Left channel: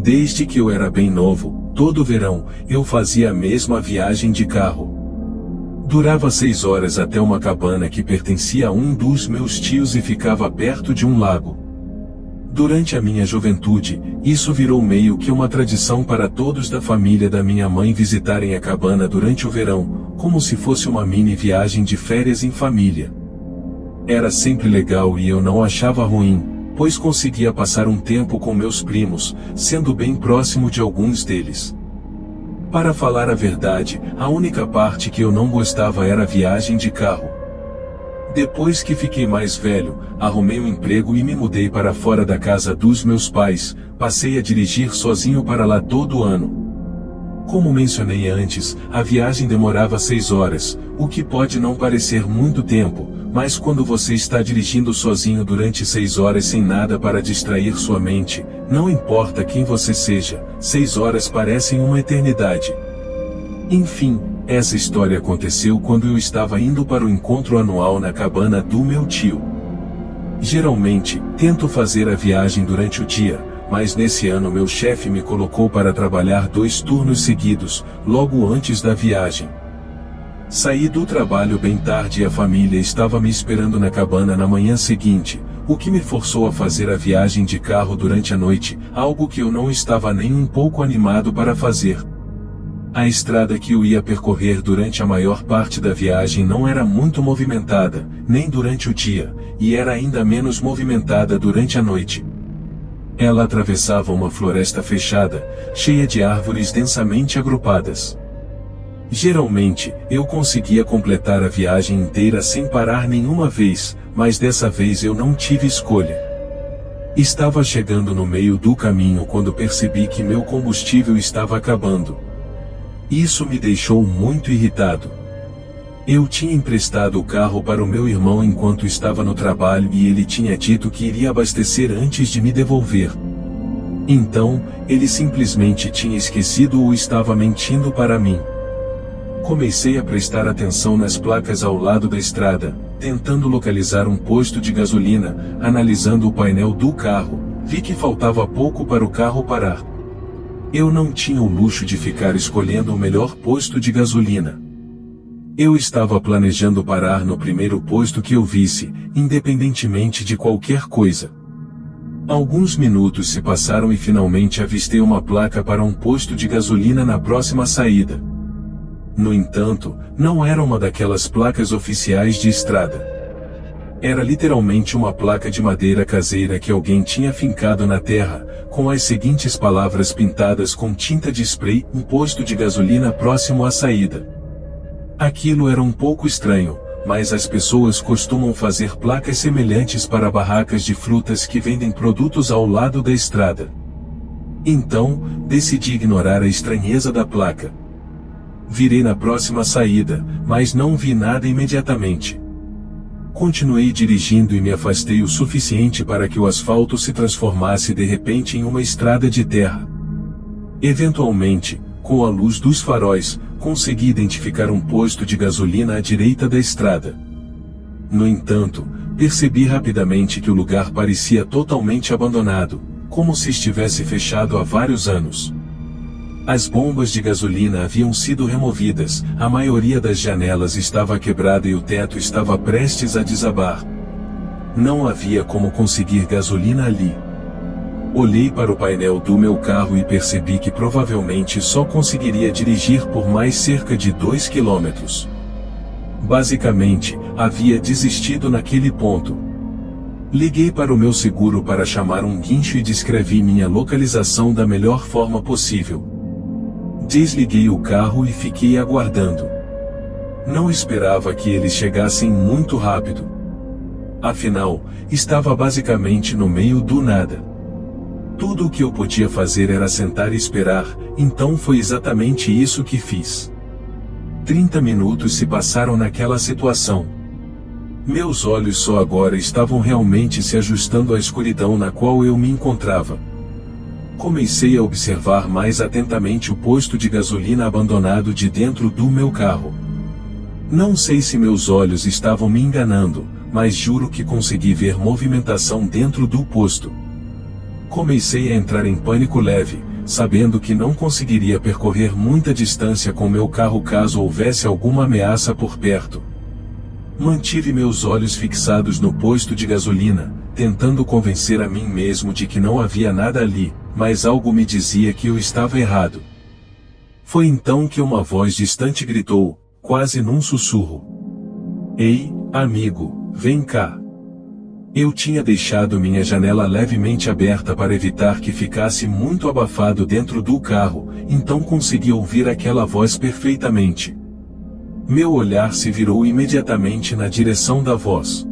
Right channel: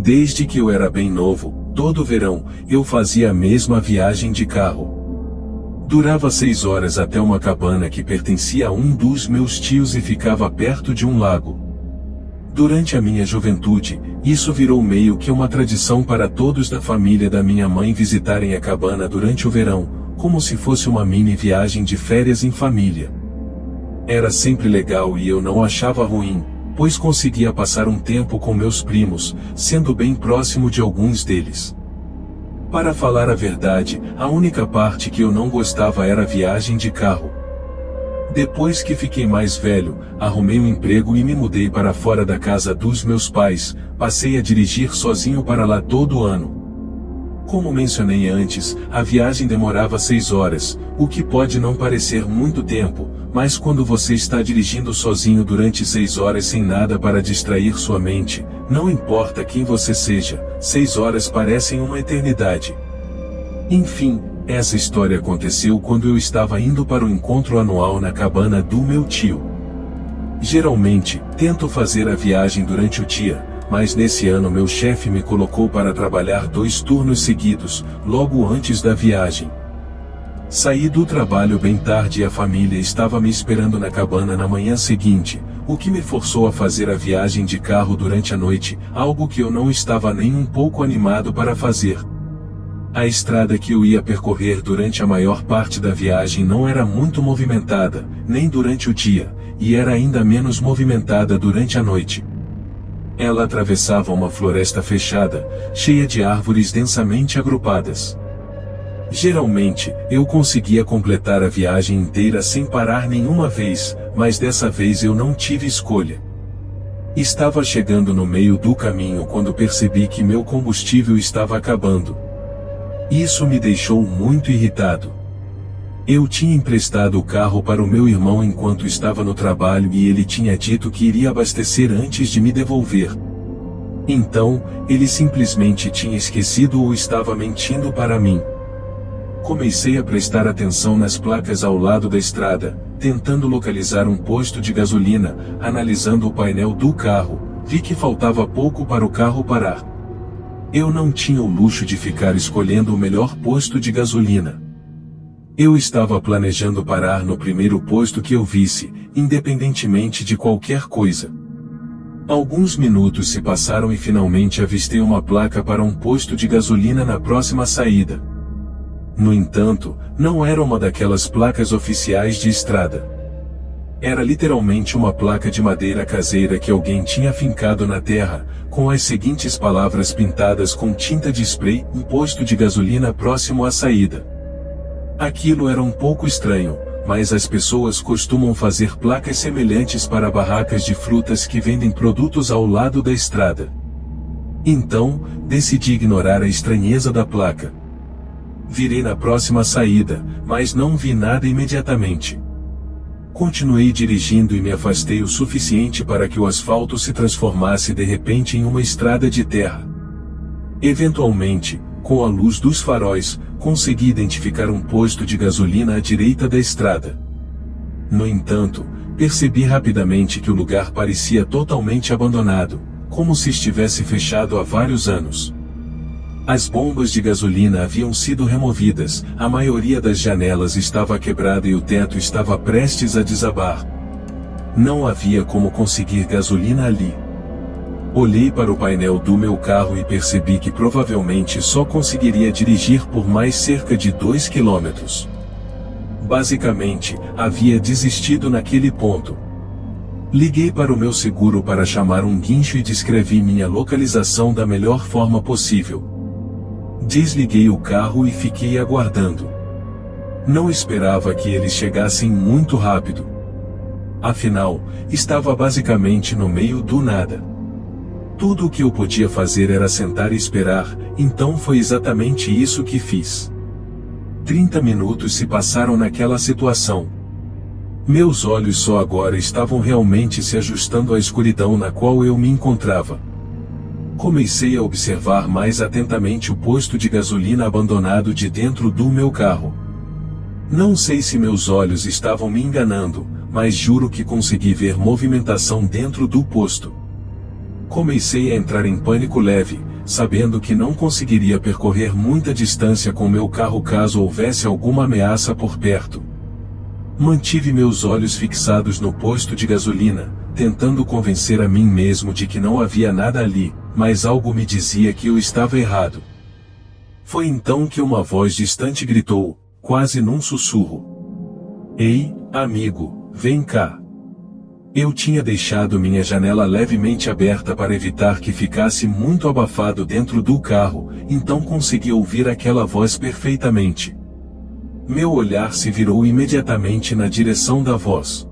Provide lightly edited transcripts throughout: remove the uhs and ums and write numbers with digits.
Desde que eu era bem novo, todo verão, eu fazia a mesma viagem de carro. Durava 6 horas até uma cabana que pertencia a um dos meus tios e ficava perto de um lago. Durante a minha juventude, isso virou meio que uma tradição para todos da família da minha mãe visitarem a cabana durante o verão, como se fosse uma mini viagem de férias em família. Era sempre legal e eu não achava ruim, pois conseguia passar um tempo com meus primos, sendo bem próximo de alguns deles. Para falar a verdade, a única parte que eu não gostava era a viagem de carro. Depois que fiquei mais velho, arrumei um emprego e me mudei para fora da casa dos meus pais, passei a dirigir sozinho para lá todo ano. Como mencionei antes, a viagem demorava 6 horas, o que pode não parecer muito tempo, mas quando você está dirigindo sozinho durante 6 horas sem nada para distrair sua mente, não importa quem você seja, 6 horas parecem uma eternidade. Enfim, essa história aconteceu quando eu estava indo para o encontro anual na cabana do meu tio. Geralmente, tento fazer a viagem durante o dia, mas nesse ano meu chefe me colocou para trabalhar 2 turnos seguidos, logo antes da viagem. Saí do trabalho bem tarde e a família estava me esperando na cabana na manhã seguinte, o que me forçou a fazer a viagem de carro durante a noite, algo que eu não estava nem um pouco animado para fazer. A estrada que eu ia percorrer durante a maior parte da viagem não era muito movimentada, nem durante o dia, e era ainda menos movimentada durante a noite. Ela atravessava uma floresta fechada, cheia de árvores densamente agrupadas. Geralmente, eu conseguia completar a viagem inteira sem parar nenhuma vez, mas dessa vez eu não tive escolha. Estava chegando no meio do caminho quando percebi que meu combustível estava acabando. Isso me deixou muito irritado. Eu tinha emprestado o carro para o meu irmão enquanto estava no trabalho e ele tinha dito que iria abastecer antes de me devolver. Então, ele simplesmente tinha esquecido ou estava mentindo para mim. Comecei a prestar atenção nas placas ao lado da estrada, tentando localizar um posto de gasolina, analisando o painel do carro, vi que faltava pouco para o carro parar. Eu não tinha o luxo de ficar escolhendo o melhor posto de gasolina. Eu estava planejando parar no primeiro posto que eu visse, independentemente de qualquer coisa. Alguns minutos se passaram e finalmente avistei uma placa para um posto de gasolina na próxima saída. No entanto, não era uma daquelas placas oficiais de estrada. Era literalmente uma placa de madeira caseira que alguém tinha fincado na terra, com as seguintes palavras pintadas com tinta de spray: um posto de gasolina próximo à saída. Aquilo era um pouco estranho, mas as pessoas costumam fazer placas semelhantes para barracas de frutas que vendem produtos ao lado da estrada. Então, decidi ignorar a estranheza da placa. Virei na próxima saída, mas não vi nada imediatamente. Continuei dirigindo e me afastei o suficiente para que o asfalto se transformasse de repente em uma estrada de terra. Eventualmente, com a luz dos faróis, consegui identificar um posto de gasolina à direita da estrada. No entanto, percebi rapidamente que o lugar parecia totalmente abandonado, como se estivesse fechado há vários anos. As bombas de gasolina haviam sido removidas, a maioria das janelas estava quebrada e o teto estava prestes a desabar. Não havia como conseguir gasolina ali. Olhei para o painel do meu carro e percebi que provavelmente só conseguiria dirigir por mais cerca de 2 quilômetros. Basicamente, havia desistido naquele ponto. Liguei para o meu seguro para chamar um guincho e descrevi minha localização da melhor forma possível. Desliguei o carro e fiquei aguardando. Não esperava que eles chegassem muito rápido. Afinal, estava basicamente no meio do nada. Tudo o que eu podia fazer era sentar e esperar, então foi exatamente isso que fiz. 30 minutos se passaram naquela situação. Meus olhos só agora estavam realmente se ajustando à escuridão na qual eu me encontrava. Comecei a observar mais atentamente o posto de gasolina abandonado de dentro do meu carro. Não sei se meus olhos estavam me enganando, mas juro que consegui ver movimentação dentro do posto. Comecei a entrar em pânico leve, sabendo que não conseguiria percorrer muita distância com meu carro caso houvesse alguma ameaça por perto. Mantive meus olhos fixados no posto de gasolina, tentando convencer a mim mesmo de que não havia nada ali, mas algo me dizia que eu estava errado. Foi então que uma voz distante gritou, quase num sussurro: "Ei, amigo, vem cá." Eu tinha deixado minha janela levemente aberta para evitar que ficasse muito abafado dentro do carro, então consegui ouvir aquela voz perfeitamente. Meu olhar se virou imediatamente na direção da voz.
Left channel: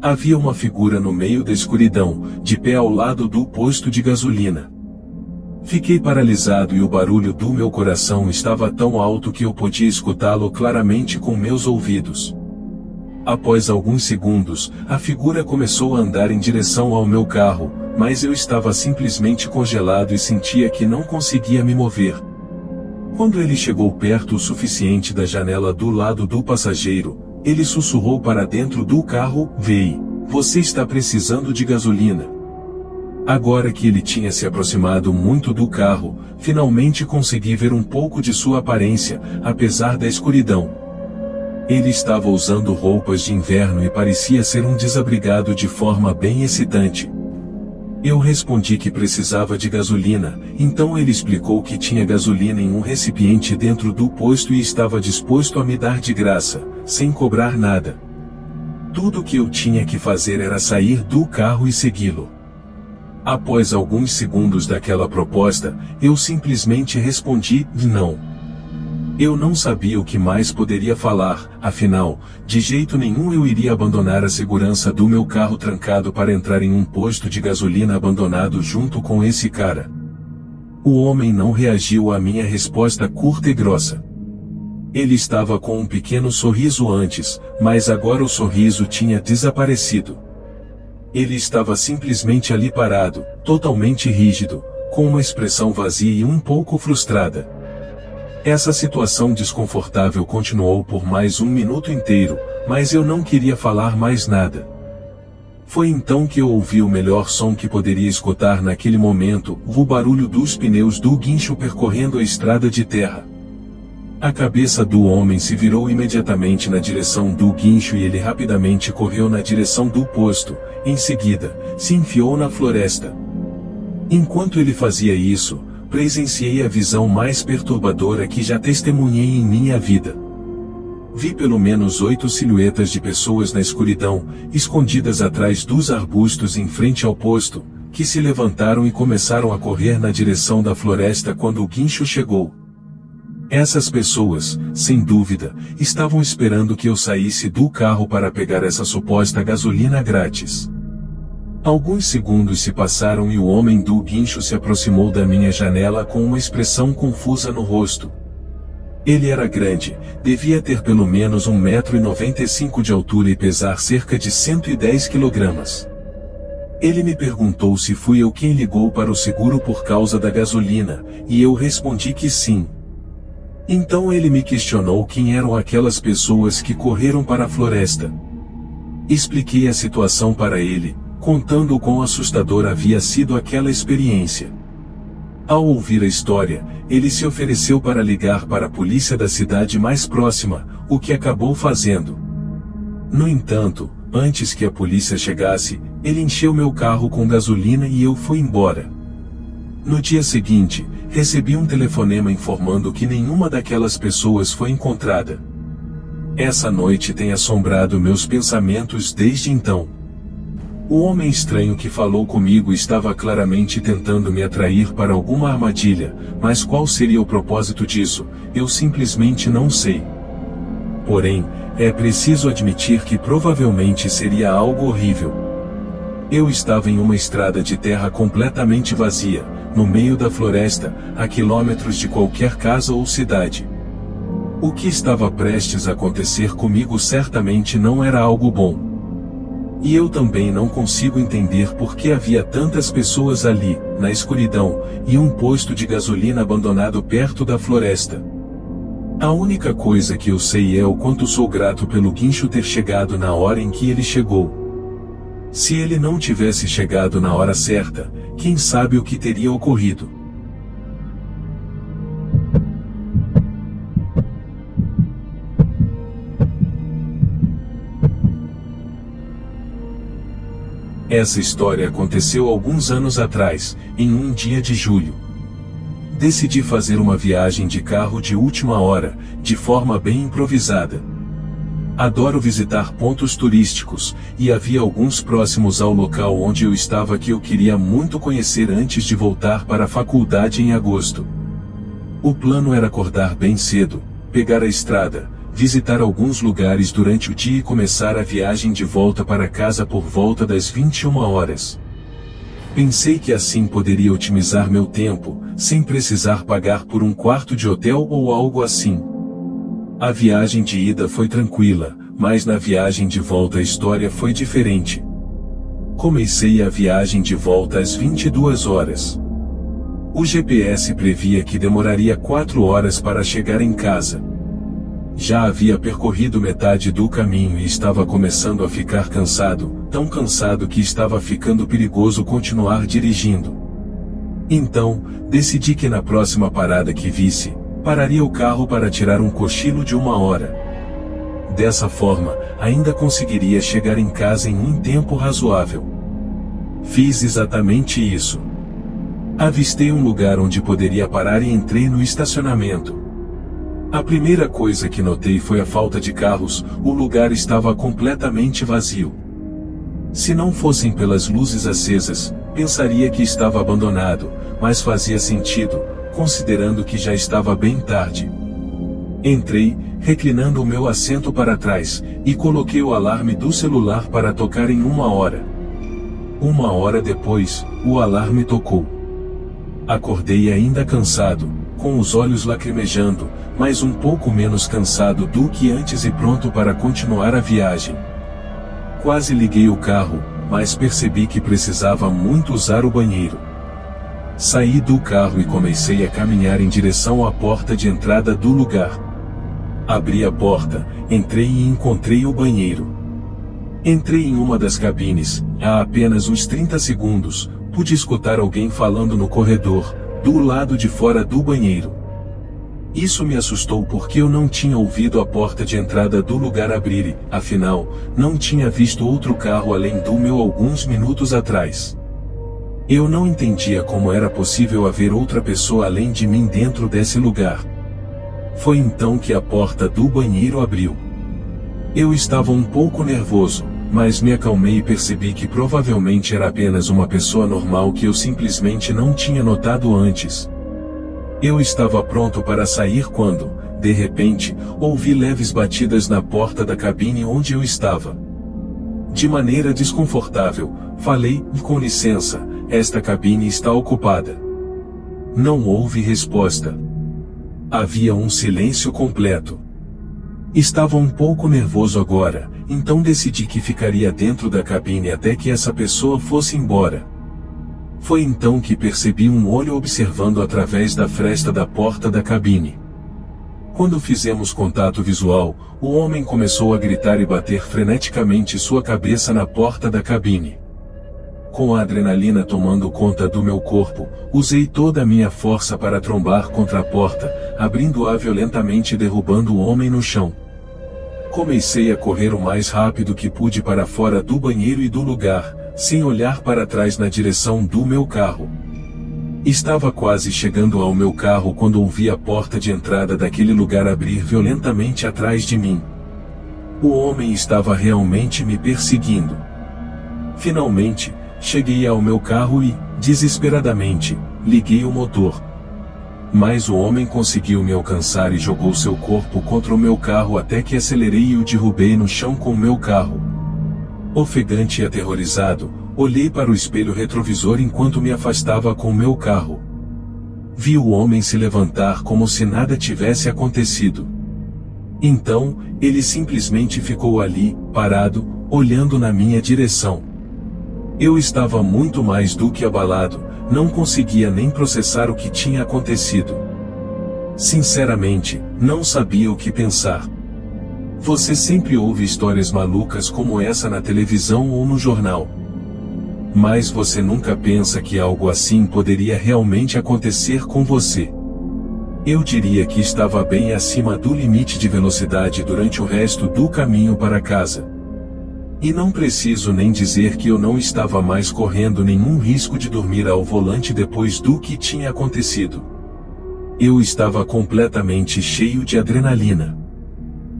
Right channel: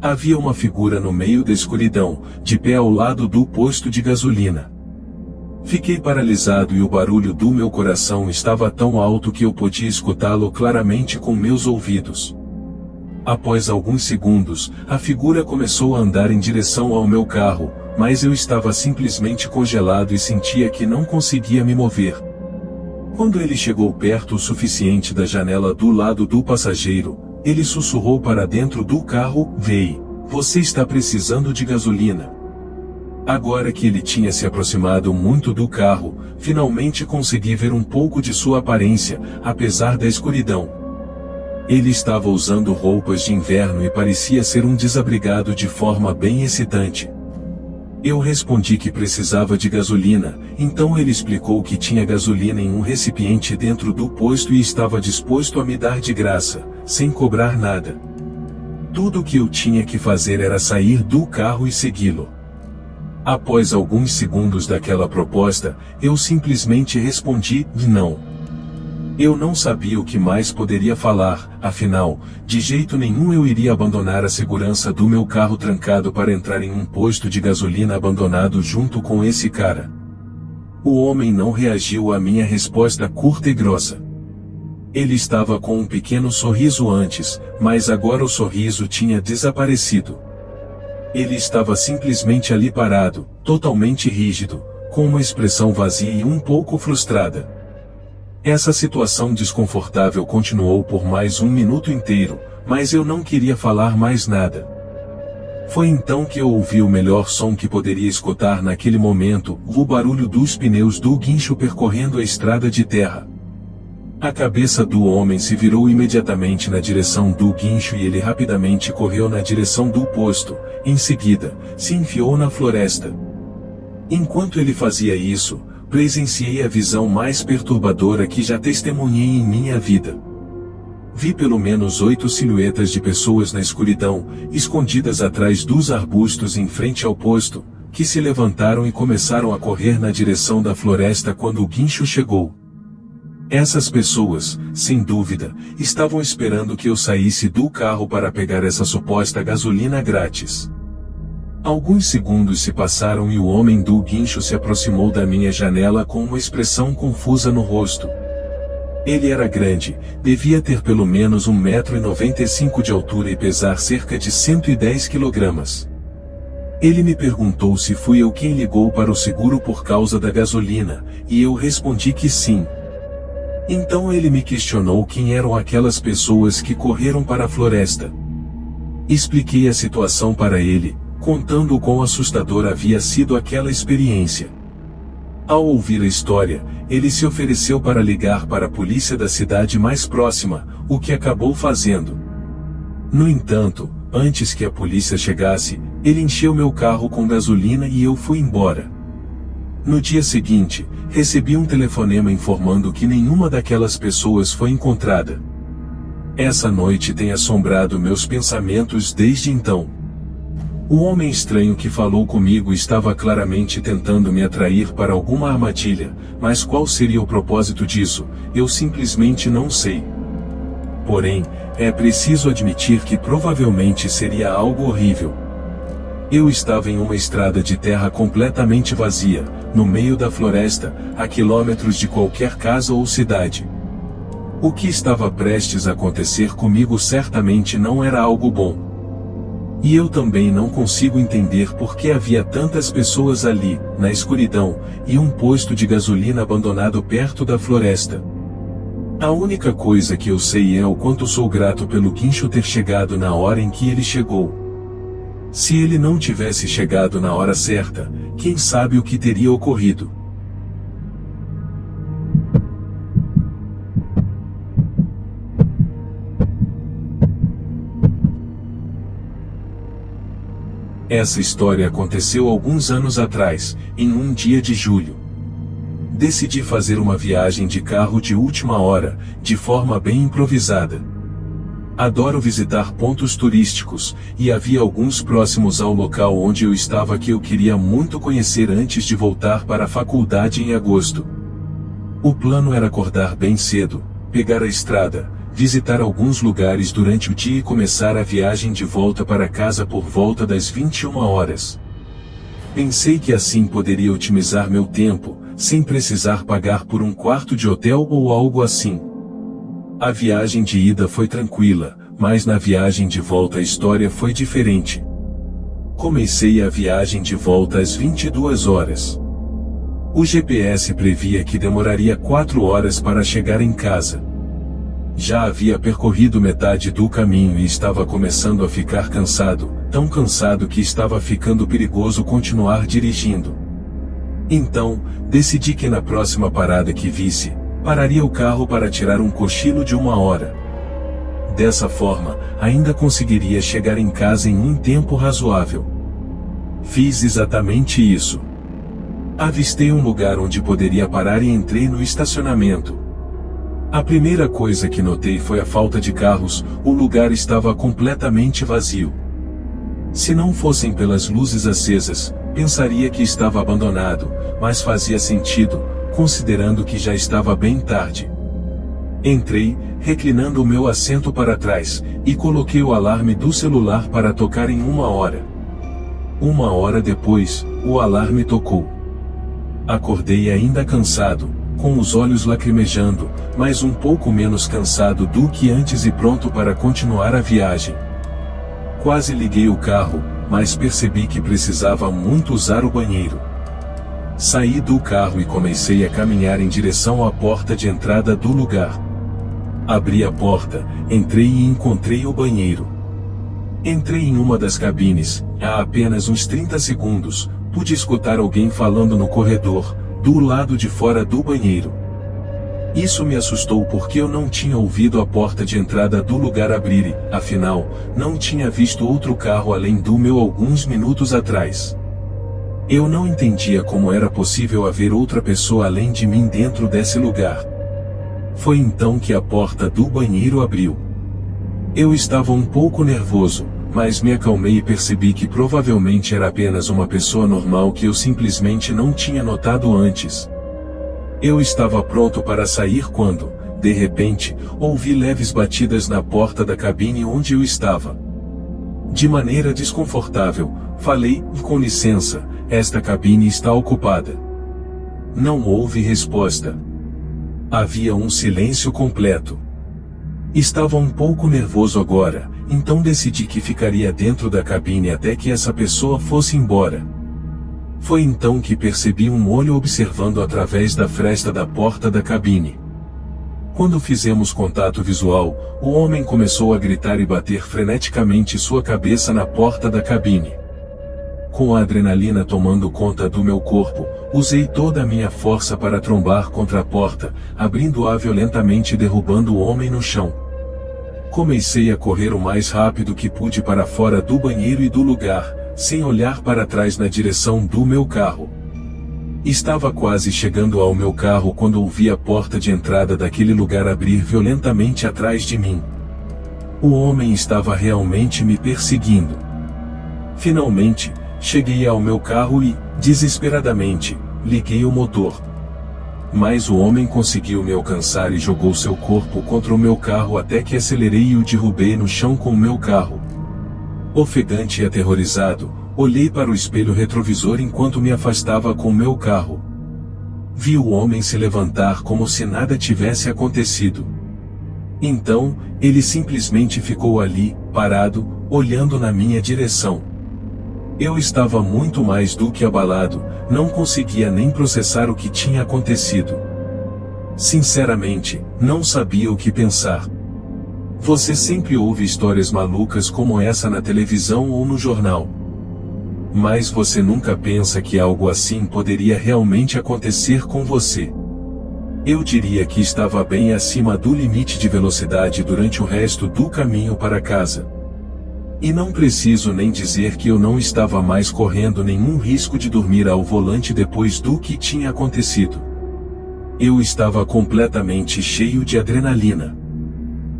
Havia uma figura no meio da escuridão, de pé ao lado do posto de gasolina. Fiquei paralisado e o barulho do meu coração estava tão alto que eu podia escutá-lo claramente com meus ouvidos. Após alguns segundos, a figura começou a andar em direção ao meu carro, mas eu estava simplesmente congelado e sentia que não conseguia me mover. Quando ele chegou perto o suficiente da janela do lado do passageiro, ele sussurrou para dentro do carro: "Vei, você está precisando de gasolina." Agora que ele tinha se aproximado muito do carro, finalmente consegui ver um pouco de sua aparência, apesar da escuridão. Ele estava usando roupas de inverno e parecia ser um desabrigado de forma bem excitante. Eu respondi que precisava de gasolina, então ele explicou que tinha gasolina em um recipiente dentro do posto e estava disposto a me dar de graça, sem cobrar nada. Tudo o que eu tinha que fazer era sair do carro e segui-lo. Após alguns segundos daquela proposta, eu simplesmente respondi: "Não." Eu não sabia o que mais poderia falar, afinal, de jeito nenhum eu iria abandonar a segurança do meu carro trancado para entrar em um posto de gasolina abandonado junto com esse cara. O homem não reagiu à minha resposta curta e grossa. Ele estava com um pequeno sorriso antes, mas agora o sorriso tinha desaparecido. Ele estava simplesmente ali parado, totalmente rígido, com uma expressão vazia e um pouco frustrada. Essa situação desconfortável continuou por mais um minuto inteiro, mas eu não queria falar mais nada. Foi então que eu ouvi o melhor som que poderia escutar naquele momento, o barulho dos pneus do guincho percorrendo a estrada de terra. A cabeça do homem se virou imediatamente na direção do guincho e ele rapidamente correu na direção do posto, em seguida, se enfiou na floresta. Enquanto ele fazia isso, presenciei a visão mais perturbadora que já testemunhei em minha vida. Vi pelo menos 8 silhuetas de pessoas na escuridão, escondidas atrás dos arbustos em frente ao posto, que se levantaram e começaram a correr na direção da floresta quando o guincho chegou. Essas pessoas, sem dúvida, estavam esperando que eu saísse do carro para pegar essa suposta gasolina grátis. Alguns segundos se passaram e o homem do guincho se aproximou da minha janela com uma expressão confusa no rosto. Ele era grande, devia ter pelo menos 1,95 m de altura e pesar cerca de 110 kg. Ele me perguntou se fui eu quem ligou para o seguro por causa da gasolina, e eu respondi que sim. Então ele me questionou quem eram aquelas pessoas que correram para a floresta. Expliquei a situação para ele, contando o quão assustadora havia sido aquela experiência. Ao ouvir a história, ele se ofereceu para ligar para a polícia da cidade mais próxima, o que acabou fazendo. No entanto, antes que a polícia chegasse, ele encheu meu carro com gasolina e eu fui embora. No dia seguinte, recebi um telefonema informando que nenhuma daquelas pessoas foi encontrada. Essa noite tem assombrado meus pensamentos desde então. O homem estranho que falou comigo estava claramente tentando me atrair para alguma armadilha, mas qual seria o propósito disso, eu simplesmente não sei. Porém, é preciso admitir que provavelmente seria algo horrível. Eu estava em uma estrada de terra completamente vazia, no meio da floresta, a quilômetros de qualquer casa ou cidade. O que estava prestes a acontecer comigo certamente não era algo bom. E eu também não consigo entender por que havia tantas pessoas ali, na escuridão, e um posto de gasolina abandonado perto da floresta. A única coisa que eu sei é o quanto sou grato pelo guincho ter chegado na hora em que ele chegou. Se ele não tivesse chegado na hora certa, quem sabe o que teria ocorrido. Essa história aconteceu alguns anos atrás, em um dia de julho. Decidi fazer uma viagem de carro de última hora, de forma bem improvisada. Adoro visitar pontos turísticos, e havia alguns próximos ao local onde eu estava que eu queria muito conhecer antes de voltar para a faculdade em agosto. O plano era acordar bem cedo, pegar a estrada, visitar alguns lugares durante o dia e começar a viagem de volta para casa por volta das 21 horas. Pensei que assim poderia otimizar meu tempo, sem precisar pagar por um quarto de hotel ou algo assim. A viagem de ida foi tranquila, mas na viagem de volta a história foi diferente. Comecei a viagem de volta às 22 horas. O GPS previa que demoraria 4 horas para chegar em casa. Já havia percorrido metade do caminho e estava começando a ficar cansado, tão cansado que estava ficando perigoso continuar dirigindo. Então, decidi que na próxima parada que visse, pararia o carro para tirar um cochilo de 1 hora. Dessa forma, ainda conseguiria chegar em casa em um tempo razoável. Fiz exatamente isso. Avistei um lugar onde poderia parar e entrei no estacionamento. A primeira coisa que notei foi a falta de carros, o lugar estava completamente vazio. Se não fossem pelas luzes acesas, pensaria que estava abandonado, mas fazia sentido, considerando que já estava bem tarde. Entrei, reclinando o meu assento para trás, e coloquei o alarme do celular para tocar em 1 hora. 1 hora depois, o alarme tocou. Acordei ainda cansado, com os olhos lacrimejando, mas um pouco menos cansado do que antes e pronto para continuar a viagem. Quase liguei o carro, mas percebi que precisava muito usar o banheiro. Saí do carro e comecei a caminhar em direção à porta de entrada do lugar. Abri a porta, entrei e encontrei o banheiro. Entrei em uma das cabines, há apenas uns 30 segundos, pude escutar alguém falando no corredor, do lado de fora do banheiro. Isso me assustou porque eu não tinha ouvido a porta de entrada do lugar abrir e, afinal, não tinha visto outro carro além do meu alguns minutos atrás. Eu não entendia como era possível haver outra pessoa além de mim dentro desse lugar. Foi então que a porta do banheiro abriu. Eu estava um pouco nervoso, mas me acalmei e percebi que provavelmente era apenas uma pessoa normal que eu simplesmente não tinha notado antes. Eu estava pronto para sair quando, de repente, ouvi leves batidas na porta da cabine onde eu estava. De maneira desconfortável, falei, com licença, esta cabine está ocupada. Não houve resposta. Havia um silêncio completo. Estava um pouco nervoso agora, então decidi que ficaria dentro da cabine até que essa pessoa fosse embora. Foi então que percebi um olho observando através da fresta da porta da cabine. Quando fizemos contato visual, o homem começou a gritar e bater freneticamente sua cabeça na porta da cabine. Com a adrenalina tomando conta do meu corpo, usei toda a minha força para trombar contra a porta, abrindo-a violentamente e derrubando o homem no chão. Comecei a correr o mais rápido que pude para fora do banheiro e do lugar, sem olhar para trás na direção do meu carro. Estava quase chegando ao meu carro quando ouvi a porta de entrada daquele lugar abrir violentamente atrás de mim. O homem estava realmente me perseguindo. Finalmente, cheguei ao meu carro e, desesperadamente, liguei o motor. Mas o homem conseguiu me alcançar e jogou seu corpo contra o meu carro até que acelerei e o derrubei no chão com o meu carro. Ofegante e aterrorizado, olhei para o espelho retrovisor enquanto me afastava com o meu carro. Vi o homem se levantar como se nada tivesse acontecido. Então, ele simplesmente ficou ali, parado, olhando na minha direção. Eu estava muito mais do que abalado, não conseguia nem processar o que tinha acontecido. Sinceramente, não sabia o que pensar. Você sempre ouve histórias malucas como essa na televisão ou no jornal. Mas você nunca pensa que algo assim poderia realmente acontecer com você. Eu diria que estava bem acima do limite de velocidade durante o resto do caminho para casa. E não preciso nem dizer que eu não estava mais correndo nenhum risco de dormir ao volante depois do que tinha acontecido. Eu estava completamente cheio de adrenalina.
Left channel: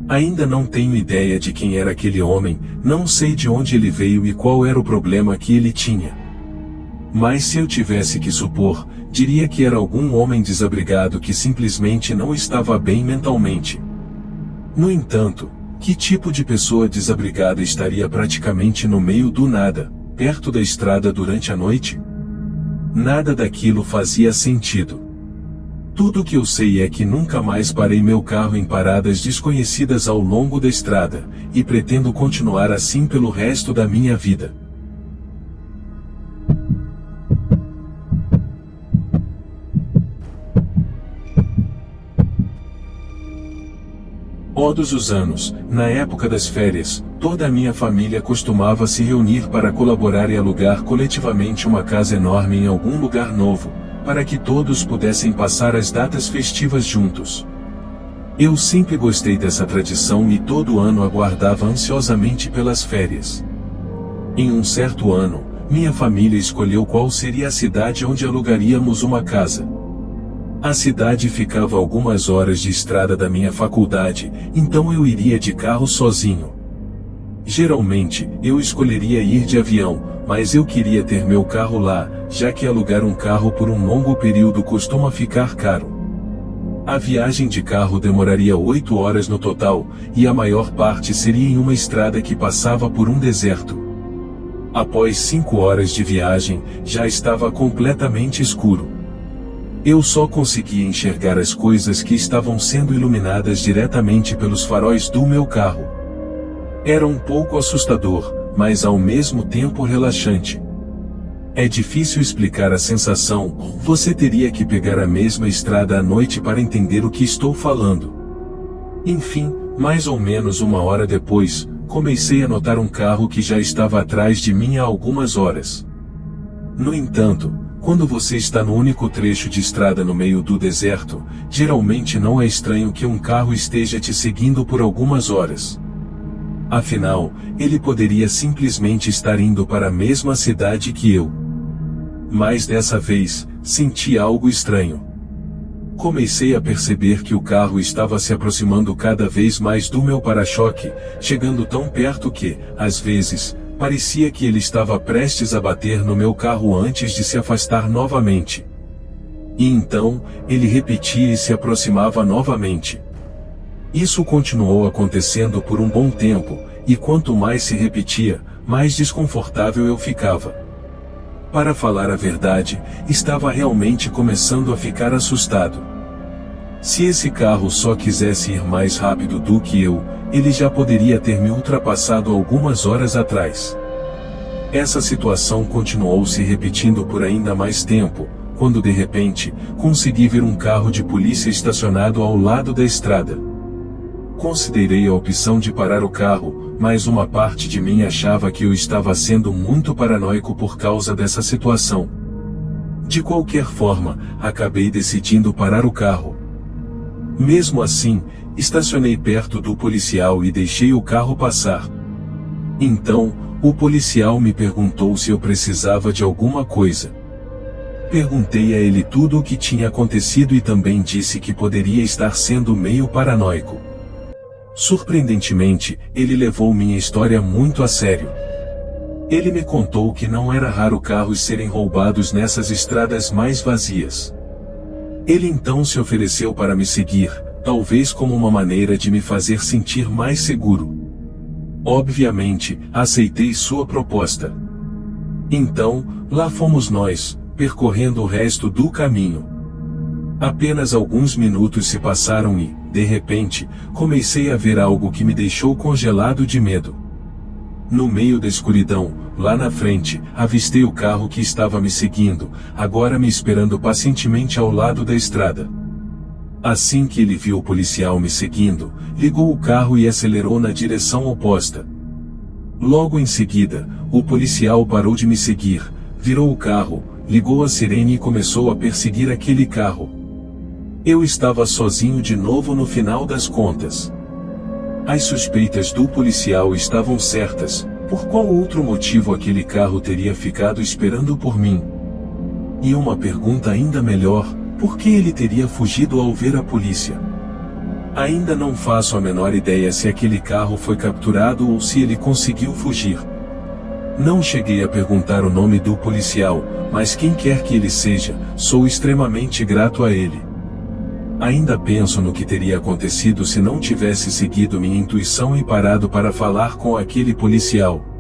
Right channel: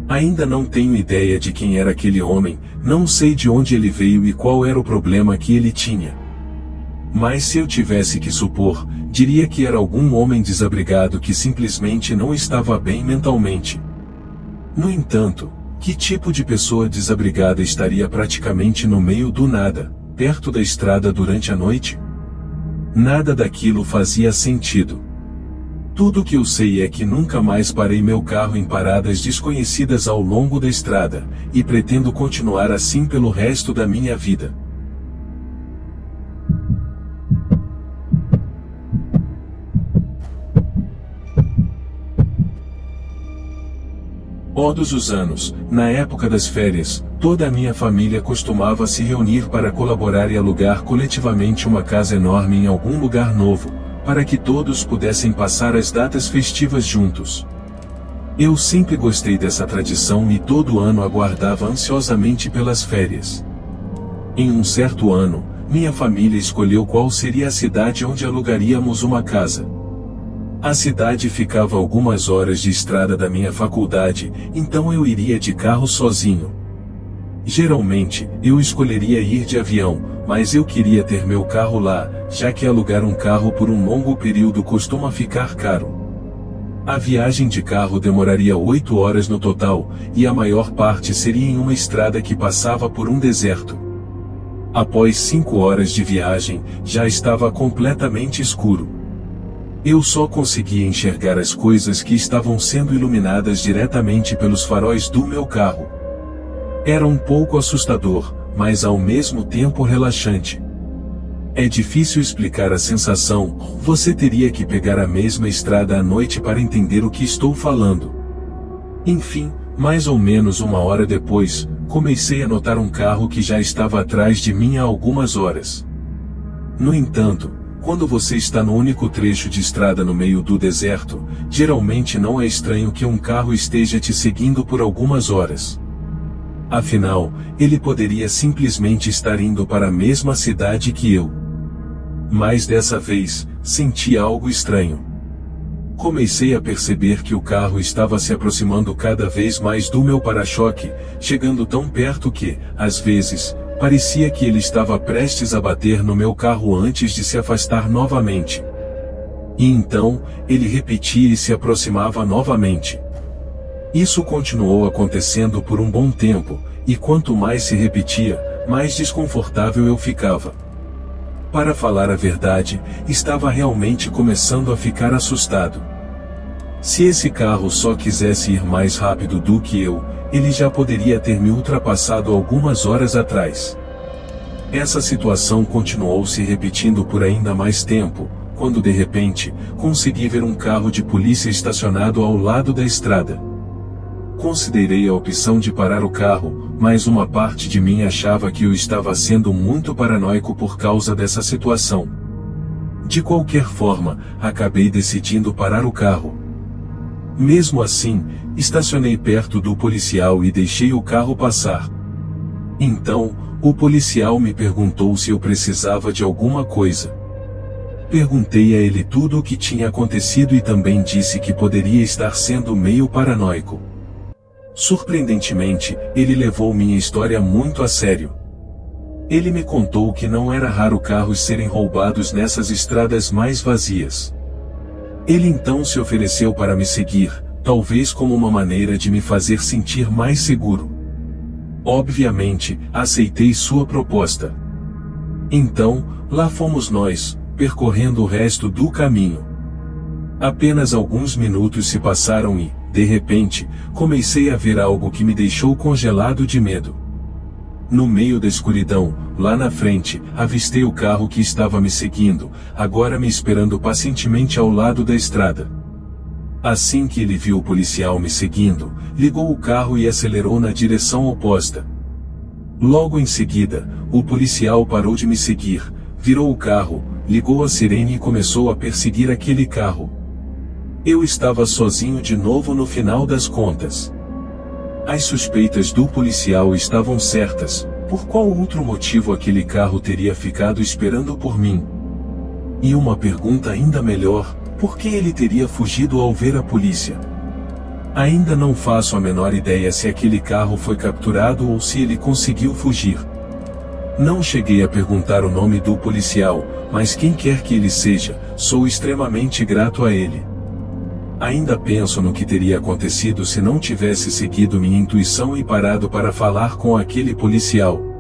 Ainda não tenho ideia de quem era aquele homem, não sei de onde ele veio e qual era o problema que ele tinha. Mas se eu tivesse que supor, diria que era algum homem desabrigado que simplesmente não estava bem mentalmente. No entanto, que tipo de pessoa desabrigada estaria praticamente no meio do nada, perto da estrada durante a noite? Nada daquilo fazia sentido. Tudo que eu sei é que nunca mais parei meu carro em paradas desconhecidas ao longo da estrada, e pretendo continuar assim pelo resto da minha vida. Todos os anos, na época das férias, toda a minha família costumava se reunir para colaborar e alugar coletivamente uma casa enorme em algum lugar novo, para que todos pudessem passar as datas festivas juntos. Eu sempre gostei dessa tradição e todo ano aguardava ansiosamente pelas férias. Em um certo ano, minha família escolheu qual seria a cidade onde alugaríamos uma casa. A cidade ficava a algumas horas de estrada da minha faculdade, então eu iria de carro sozinho. Geralmente, eu escolheria ir de avião, mas eu queria ter meu carro lá, já que alugar um carro por um longo período costuma ficar caro. A viagem de carro demoraria 8 horas no total, e a maior parte seria em uma estrada que passava por um deserto. Após 5 horas de viagem, já estava completamente escuro. Eu só conseguia enxergar as coisas que estavam sendo iluminadas diretamente pelos faróis do meu carro. Era um pouco assustador, mas ao mesmo tempo relaxante. É difícil explicar a sensação, você teria que pegar a mesma estrada à noite para entender o que estou falando. Enfim, mais ou menos uma hora depois, comecei a notar um carro que já estava atrás de mim há algumas horas. No entanto, quando você está no único trecho de estrada no meio do deserto, geralmente não é estranho que um carro esteja te seguindo por algumas horas. Afinal, ele poderia simplesmente estar indo para a mesma cidade que eu. Mas dessa vez, senti algo estranho. Comecei a perceber que o carro estava se aproximando cada vez mais do meu para-choque, chegando tão perto que, às vezes, parecia que ele estava prestes a bater no meu carro antes de se afastar novamente. E então, ele repetia e se aproximava novamente. Isso continuou acontecendo por um bom tempo, e quanto mais se repetia, mais desconfortável eu ficava. Para falar a verdade, estava realmente começando a ficar assustado. Se esse carro só quisesse ir mais rápido do que eu, ele já poderia ter me ultrapassado algumas horas atrás. Essa situação continuou se repetindo por ainda mais tempo, quando de repente, consegui ver um carro de polícia estacionado ao lado da estrada. Considerei a opção de parar o carro, mas uma parte de mim achava que eu estava sendo muito paranoico por causa dessa situação. De qualquer forma, acabei decidindo parar o carro. Mesmo assim, estacionei perto do policial e deixei o carro passar. Então, o policial me perguntou se eu precisava de alguma coisa. Perguntei a ele tudo o que tinha acontecido e também disse que poderia estar sendo meio paranoico. Surpreendentemente, ele levou minha história muito a sério. Ele me contou que não era raro carros serem roubados nessas estradas mais vazias. Ele então se ofereceu para me seguir, talvez como uma maneira de me fazer sentir mais seguro. Obviamente, aceitei sua proposta. Então, lá fomos nós, percorrendo o resto do caminho. Apenas alguns minutos se passaram e, de repente, comecei a ver algo que me deixou congelado de medo. No meio da escuridão, lá na frente, avistei o carro que estava me seguindo, agora me esperando pacientemente ao lado da estrada. Assim que ele viu o policial me seguindo, ligou o carro e acelerou na direção oposta. Logo em seguida, O policial parou de me seguir, virou o carro, ligou a sirene e começou a perseguir aquele carro. Eu estava sozinho de novo no final das contas. As suspeitas do policial estavam certas. Por qual outro motivo aquele carro teria ficado esperando por mim? E uma pergunta ainda melhor, por que ele teria fugido ao ver a polícia? Ainda não faço a menor ideia se aquele carro foi capturado ou se ele conseguiu fugir. Não cheguei a perguntar o nome do policial, mas quem quer que ele seja, sou extremamente grato a ele. Ainda penso no que teria acontecido se não tivesse seguido minha intuição e parado para falar com aquele policial.